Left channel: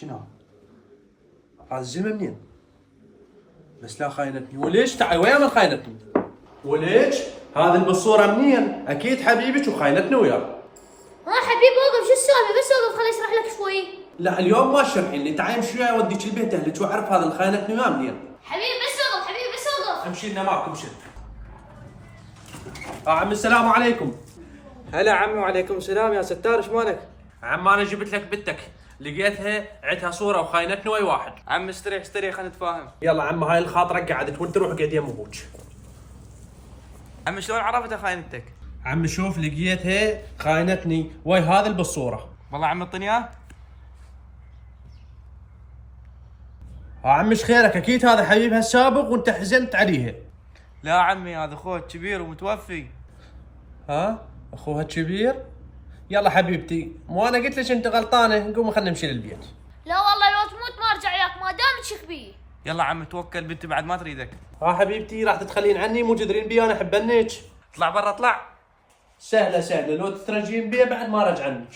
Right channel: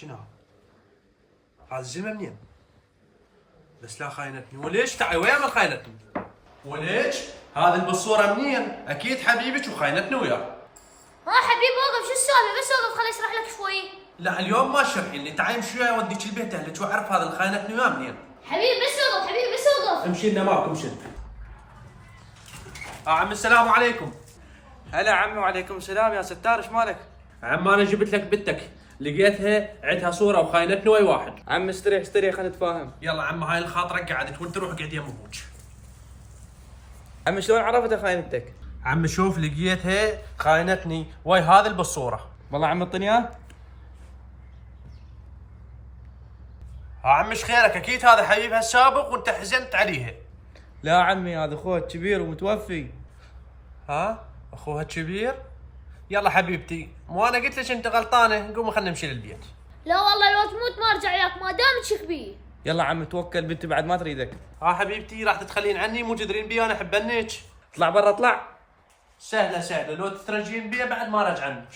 شنو هذا الزلمه منين؟ بس لا خاينتني وليش تعال ويا من خاينتني؟ وليش؟ هذا البصوره منين؟ اكيد حبيبك وخاينتني وياه. حبيبي وقف، شو السالفه؟ بس وقف خليني اشرح لك شوي. لا اليوم ما تشرحين لي، تعال امشي وياي اوديك البيت اهلك واعرف هذا اللي خاينتني وياه منين. حبيبي بس وقف، حبيبي بس وقف. امشي لنا معكم امشي. عم السلام عليكم. هلا عمي وعليكم السلام يا ستار، ايش مالك؟ عم انا جبت لك بنتك، لقيتها عندها صوره وخاينتني ويا واحد. عم استريح خلينا نتفاهم. يلا عم هاي الخاطره قعدت وانت روح قعد يم ابوك. عمي شلون عرفتها خاينتك؟ عم شوف لقيتها خاينتني ويا هذا اللي بالصوره. والله عم اعطيني اياه؟ عم ايش خيرك؟ اكيد هذا حبيبها السابق وانت حزنت عليها. لا عمي هذا اخوها كبير ومتوفي. ها؟ اخوها الكبير؟ يلا حبيبتي، مو انا قلت لك انت غلطانه، قومي خلينا نمشي للبيت. لا والله لو تموت ما ارجع وياك ما دامك كبير. يلا عمي توكل، بنتي بعد ما تريدك. ها حبيبتي راح تتخلين عني؟ مو تدرين بي انا احبنك. اطلع برا اطلع. سهله لو تترجين بي بعد ما رجعنك.